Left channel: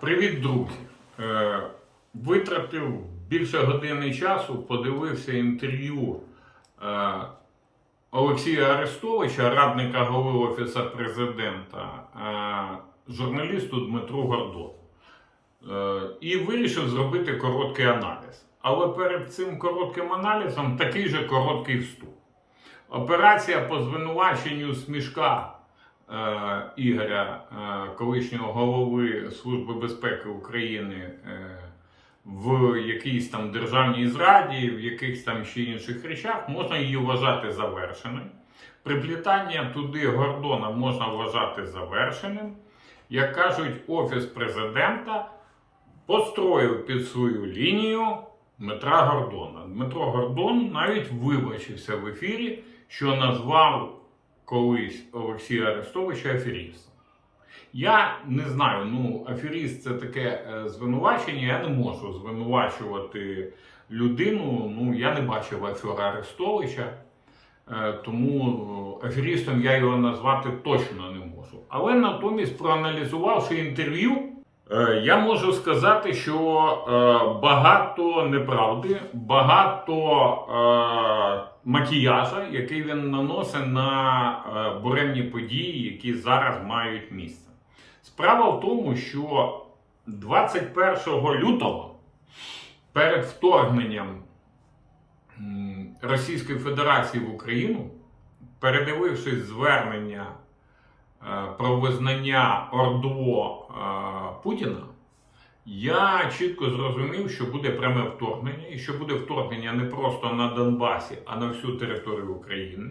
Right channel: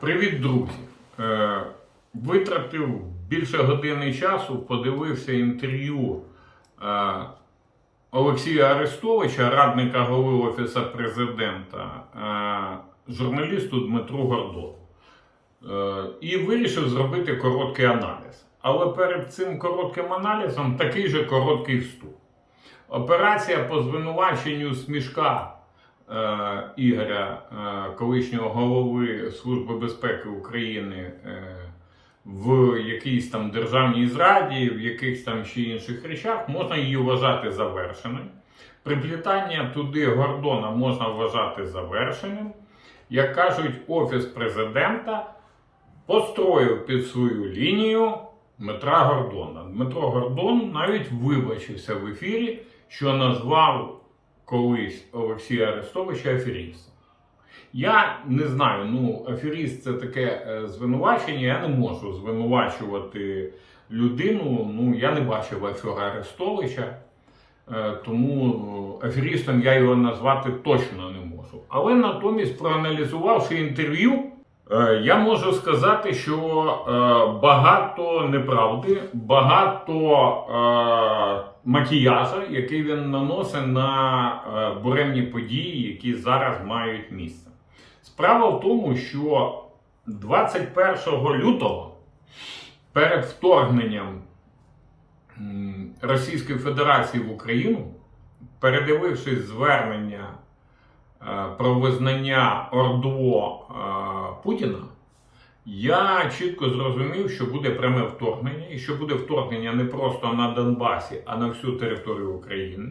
Привіт, друзі! Е, Витратив більше години часу, подивився інтерв'ю е, Олексія Арестовича, радника голови Офісу президента, е, журналісту Дмитру Гордону. Е, І вирішив зробити короткий аналіз. Але перед цим коротким аналізом такий же короткий вступ. Операція по звинуваченню смішка Ігоря, е, колишнього голови Служби безпеки України е, в якійсь там державній зраді, в якихось там ще інших речах, можна її вважати завершеною. Приплітання туди Гордона можна вважати завершеним. Як кажуть, Офіс президента построїв під свою лінію Дмитра Гордона. Дмитро Гордон навіть вибачився в ефірі, що назвав колись Олексія Арестовича аферістом. Я не знаю, ну, аферіст це таке е, звинувачення. Я не можу звинувачувати людину. Ну, я не бачив афера Арестовича, е, тому аферістом я його назвати точно не можу. Але натомість, проаналізувавши інтерв'ю, Е, Я можу сказати, що е, багато неправди, багато макіяжа, який він наносить на е, буремні події, які зараз мають місце. Справа в тому, що 21 лютого перед вторгненням Російської Федерації в Україну, передивившись звернення е, про визнання ОРДО е, Путіна, я чітко зрозумів, що буде пряме вторгнення, і що буде вторгнення не просто на Донбасі, а на всю територію України,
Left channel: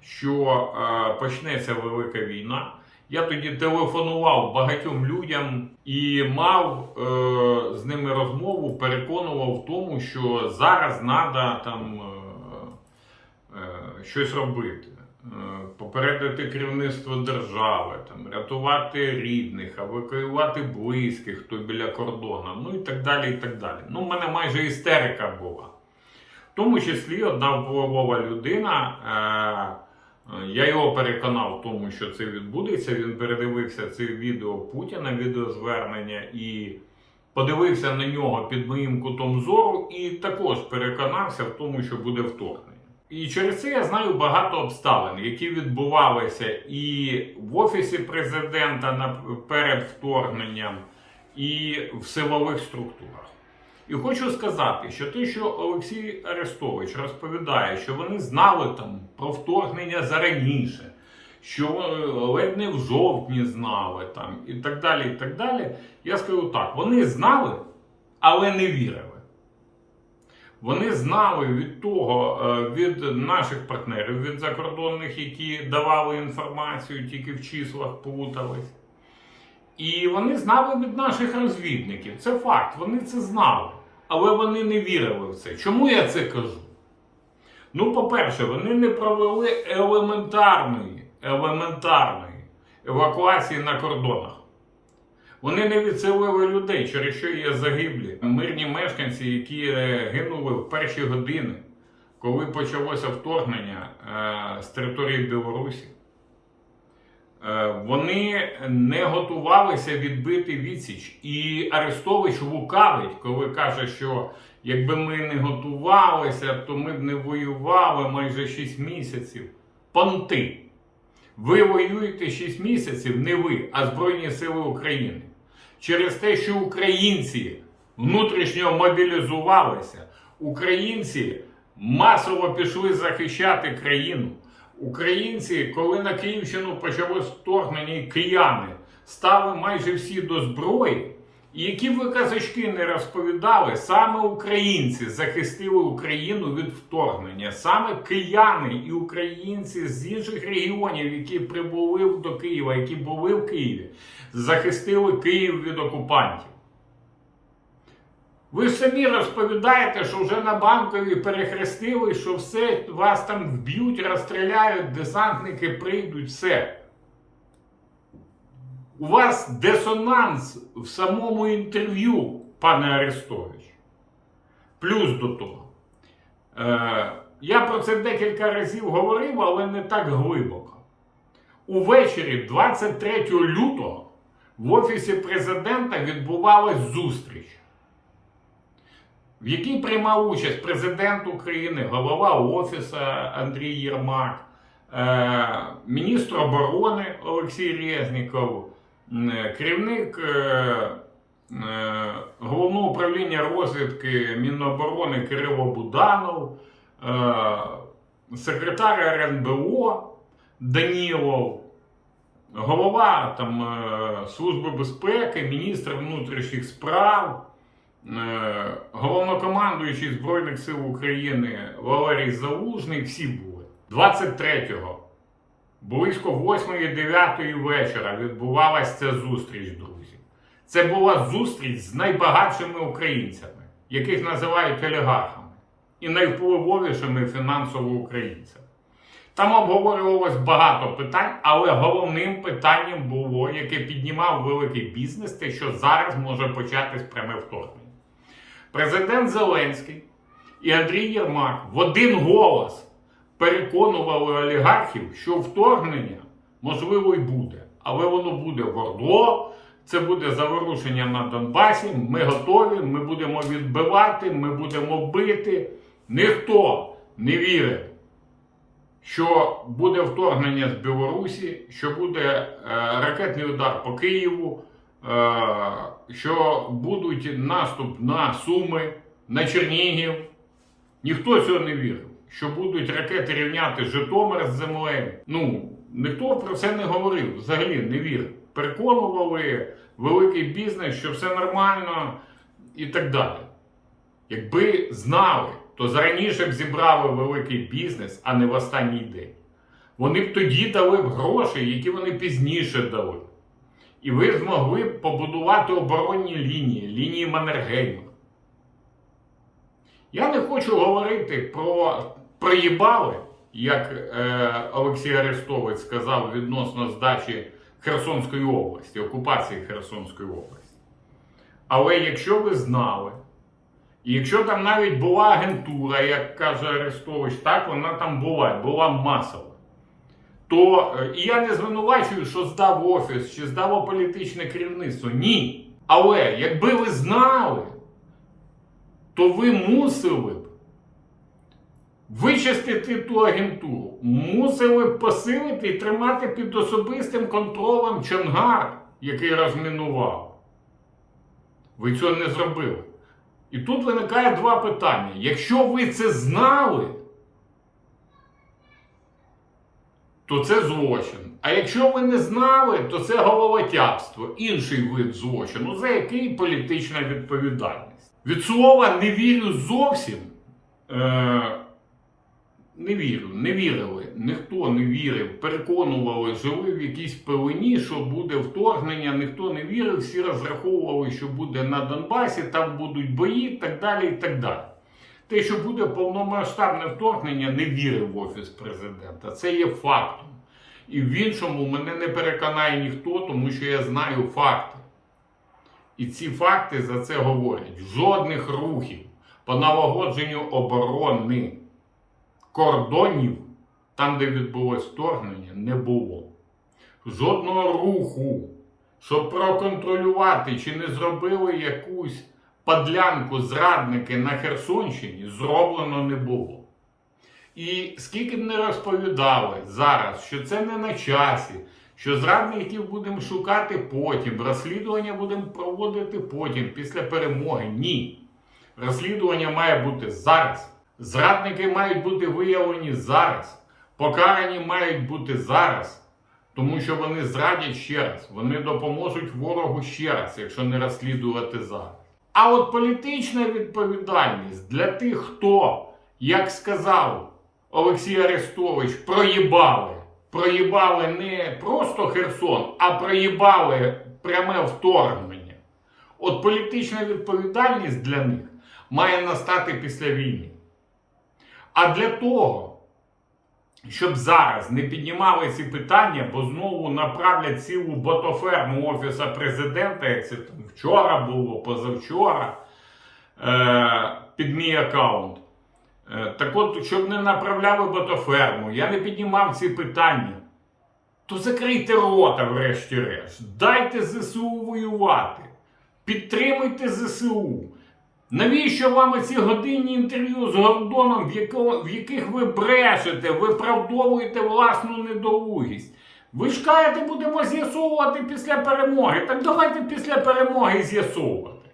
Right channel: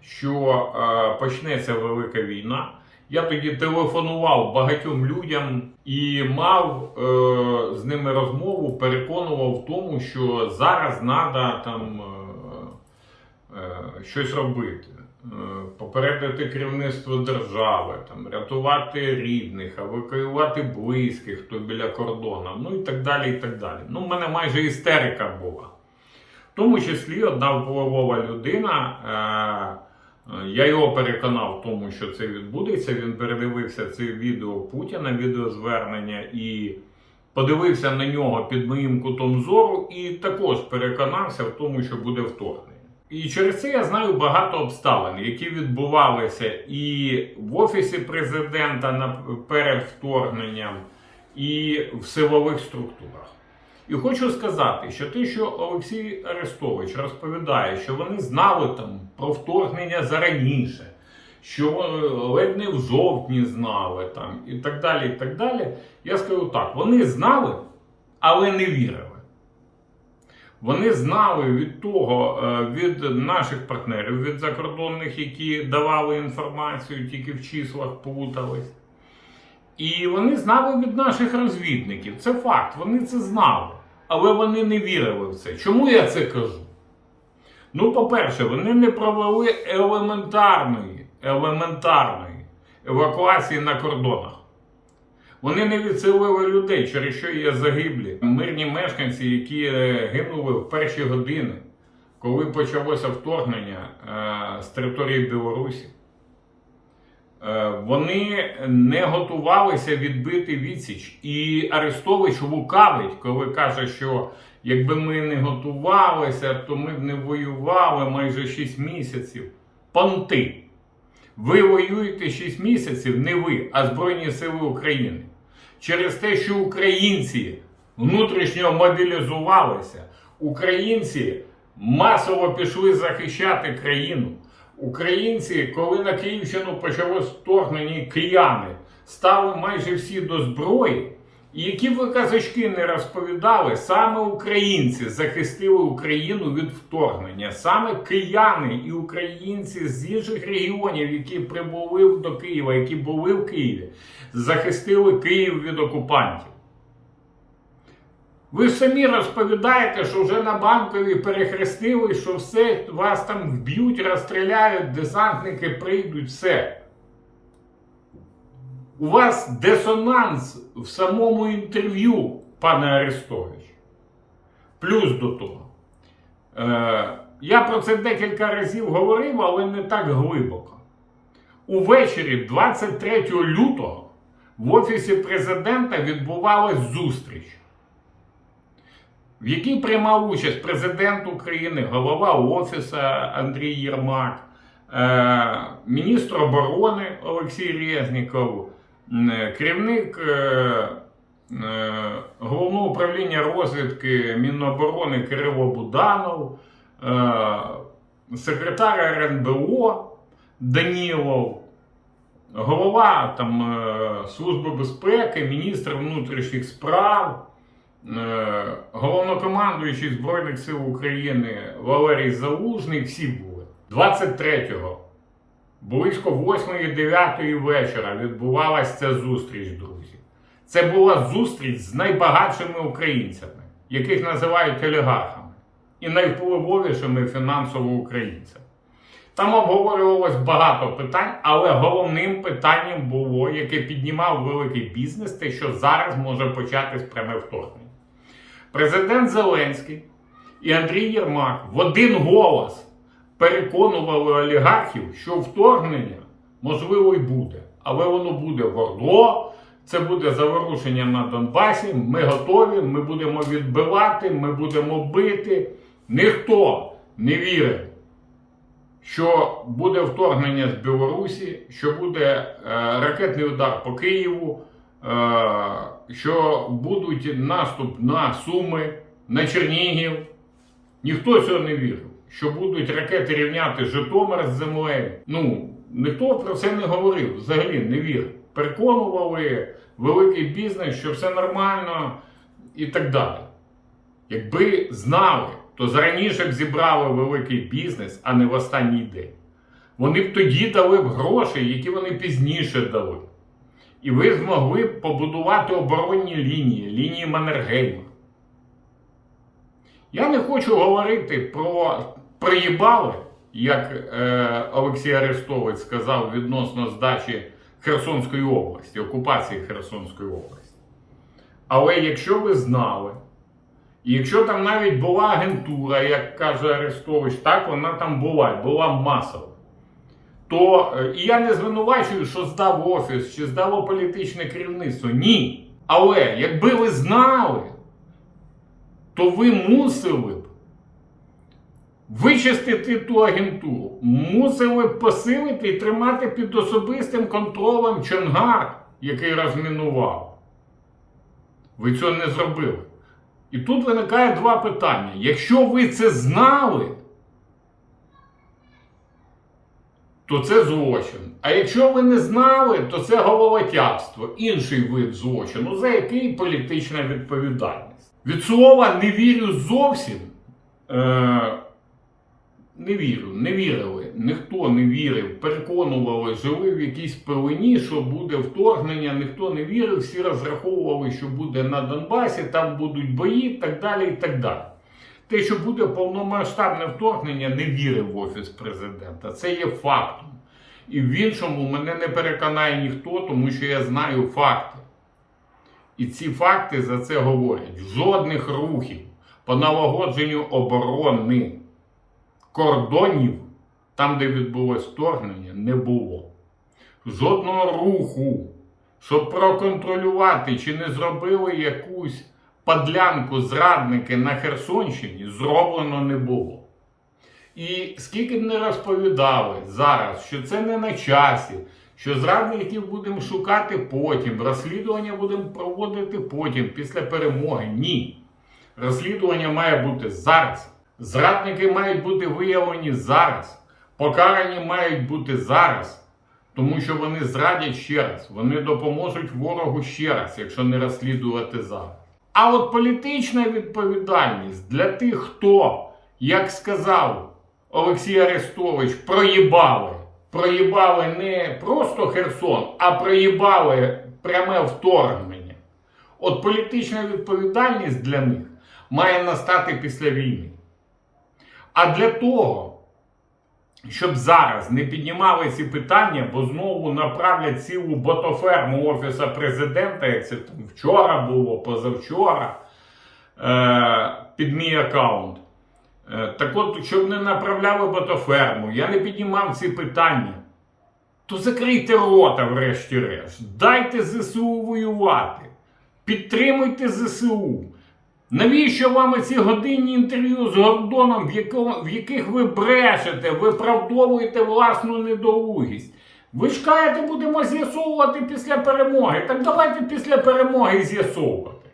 що е, почнеться велика війна. Я тоді телефонував багатьом людям і мав е, з ними розмову, переконував в тому, що зараз треба там е, е, щось робити. Е, Попередити керівництво держави, там, рятувати рідних, евакуювати близьких, хто біля кордону, ну і так далі. і так далі. Ну, в мене майже істерика була. В тому числі одна впливова людина. Е- я його переконав в тому, що це відбудеться. Він передивився це відео Путіна, відеозвернення і подивився на нього під моїм кутом зору, і також переконався в тому, що буде вторгнення. І через це я знаю багато обставин, які відбувалися і в офісі президента перед вторгненням, і в силових структурах. І хочу сказати, що те, що Олексій Арестович розповідає, що вони знали там про вторгнення зараніше, що е, ледь не в жовтні знали там, і так далі. і так далі. Я скажу так: вони знали, але не вірили. Вони знали від того, е, від наших партнерів, від закордонних, які давали інформацію, тільки в числах плутались. І вони знали від наших розвідників. Це факт, вони це знали. Але вони не вірили в це. Чому я це кажу? Ну, по-перше, вони не провели елементарної, елементарної евакуації на кордонах. Вони не відселили людей, через що є загиблі. Мирні мешканці, які е, гинули в перші години, коли почалося вторгнення е, з території Білорусі. Е, Вони не готувалися відбити відсіч. І Арестович лукавить, коли каже, що якби ми не готувалися, то ми б не воювали майже 6 місяців. Понти. Ви воюєте 6 місяців, не ви, а Збройні Сили України. Через те, що українці внутрішньо мобілізувалися, українці масово пішли захищати країну. Українці, коли на Київщину почалось вторгнення, кияни стали майже всі до зброї. Які ви казачки не розповідали, саме українці захистили Україну від вторгнення. Саме кияни і українці з інших регіонів, які прибули до Києва, які були в Києві, захистили Київ від окупантів. Ви самі розповідаєте, що вже на банкові перехрестили, що все вас там вб'ють, розстріляють, десантники прийдуть, все. У вас дисонанс в самому інтерв'ю, пане Арестович. Плюс до того. Е, я про це декілька разів говорив, але не так глибоко. Увечері 23 лютого в Офісі президента відбувалась зустріч, в якій приймав участь президент України, голова Офісу Андрій Єрмак, е, міністр оборони Олексій Резніков, керівник е, е, головного управління розвідки Міноборони Кирило Буданов, е, секретар РНБО Данілов, голова там, е, Служби безпеки, міністр внутрішніх справ, е, головнокомандуючий Збройних сил України Валерій Залужний, всі були. 23-го, близько 8-9 вечора відбувалася ця зустріч, друзі. Це була зустріч з найбагатшими українцями, яких називають олігархами, і найвпливовішими фінансово українцями. Там обговорювалось багато питань, але головним питанням було, яке піднімав великий бізнес, те, що зараз може початись пряме вторгнення. Президент Зеленський і Андрій Єрмак в один голос переконували олігархів, що вторгнення можливо й буде, але воно буде в Ордло, це буде заворушення на Донбасі. Ми готові, ми будемо відбивати, ми будемо бити. Ніхто не вірив що буде вторгнення з Білорусі, що буде е, ракетний удар по Києву, е, що будуть наступ на Суми, на Чернігів. Ніхто цього не вірив. Що будуть ракети рівняти Житомир з землею. Ну, ніхто про це не говорив, взагалі не вірив. Переконували великий бізнес, що все нормально і так далі. Якби знали, то зараніше б зібрали великий бізнес, а не в останній день. Вони б тоді дали б гроші, які вони пізніше дали. І ви змогли б побудувати оборонні лінії, лінії Маннергейма. Я не хочу говорити про приїбали, як е, Олексій Арестович сказав відносно здачі Херсонської області, окупації Херсонської області. Але якщо ви знали, якщо там навіть була агентура, як каже Арестович, так вона там була, була масова. То е, і я не звинувачую, що здав офіс чи здало політичне керівництво. Ні. Але якби ви знали, то ви мусили вичистити ту агентуру, мусили посилити і тримати під особистим контролем Чонгар, який розмінував. Ви цього не зробили. І тут виникає два питання. Якщо ви це знали, то це злочин. А якщо ви не знали, то це головотяпство, інший вид злочину, за який політична відповідальність. Від слова не вірю зовсім. Е- не вірю, не вірили. Ніхто не вірив, переконували, жили в якійсь пелені, що буде вторгнення, ніхто не вірив, всі розраховували, що буде на Донбасі, там будуть бої, так далі. і так далі. Те, що буде повномасштабне вторгнення, не вірив в Офіс президента. Це є фактом. І в іншому мене не переконає ніхто, тому що я знаю факти. І ці факти за це говорять. Жодних рухів по налагодженню оборони кордонів, там, де відбулось вторгнення, не було. Жодного руху, щоб проконтролювати, чи не зробили якусь падлянку зрадники на Херсонщині, зроблено не було. І скільки б не розповідали зараз, що це не на часі, що зрадників будемо шукати потім, розслідування будемо проводити потім, після перемоги. Ні. Розслідування має бути зараз. Зрадники мають бути виявлені зараз. Покарані мають бути зараз. Тому що вони зрадять ще раз. Вони допоможуть ворогу ще раз, якщо не розслідувати зараз. А от політична відповідальність для тих, хто, як сказав Олексій Арестович, проїбали. Проїбали не просто Херсон, а проїбали пряме вторгнення. От політична відповідальність для них має настати після війни. А для того, щоб зараз не піднімали ці питання, бо знову направлять цілу ботоферму Офіса президента, як це там вчора було, позавчора, е, під мій аккаунт. Е, так от, щоб не направляли ботоферму, я не піднімав ці питання. то закрийте рота, врешті-решт. Дайте ЗСУ воювати. Підтримуйте ЗСУ. Навіщо вам ці годинні інтерв'ю з Гордоном, в, яко- в яких ви брешете, виправдовуєте власну недолугість? Ви ж кажете, будемо з'ясовувати після перемоги. Так давайте після перемоги з'ясовувати.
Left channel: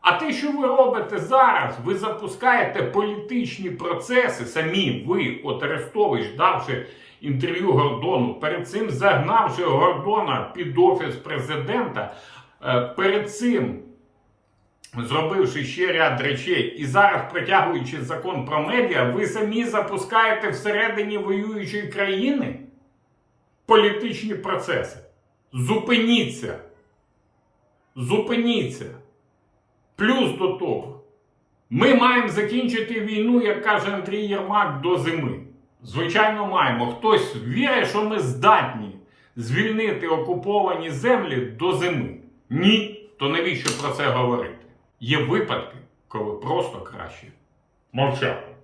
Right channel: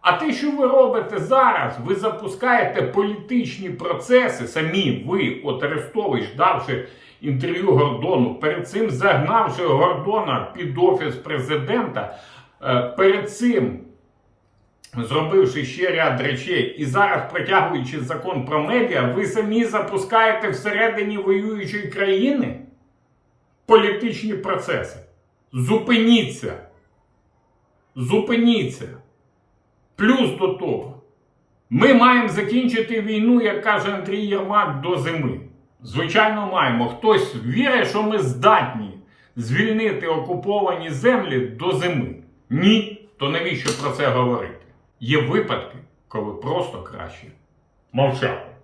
А те, що ви робите зараз, ви запускаєте політичні процеси, самі ви, от Арестович, давши інтерв'ю Гордону, перед цим загнавши Гордона під офіс президента, е, перед цим зробивши ще ряд речей, і зараз протягуючи закон про медіа, ви самі запускаєте всередині воюючої країни політичні процеси. Зупиніться. Зупиніться. Плюс до того, ми маємо закінчити війну, як каже Андрій Єрмак, до зими. Звичайно, маємо. Хтось вірить, що ми здатні звільнити окуповані землі до зими. Ні, то навіщо про це говорити? Є випадки, коли просто краще мовчати.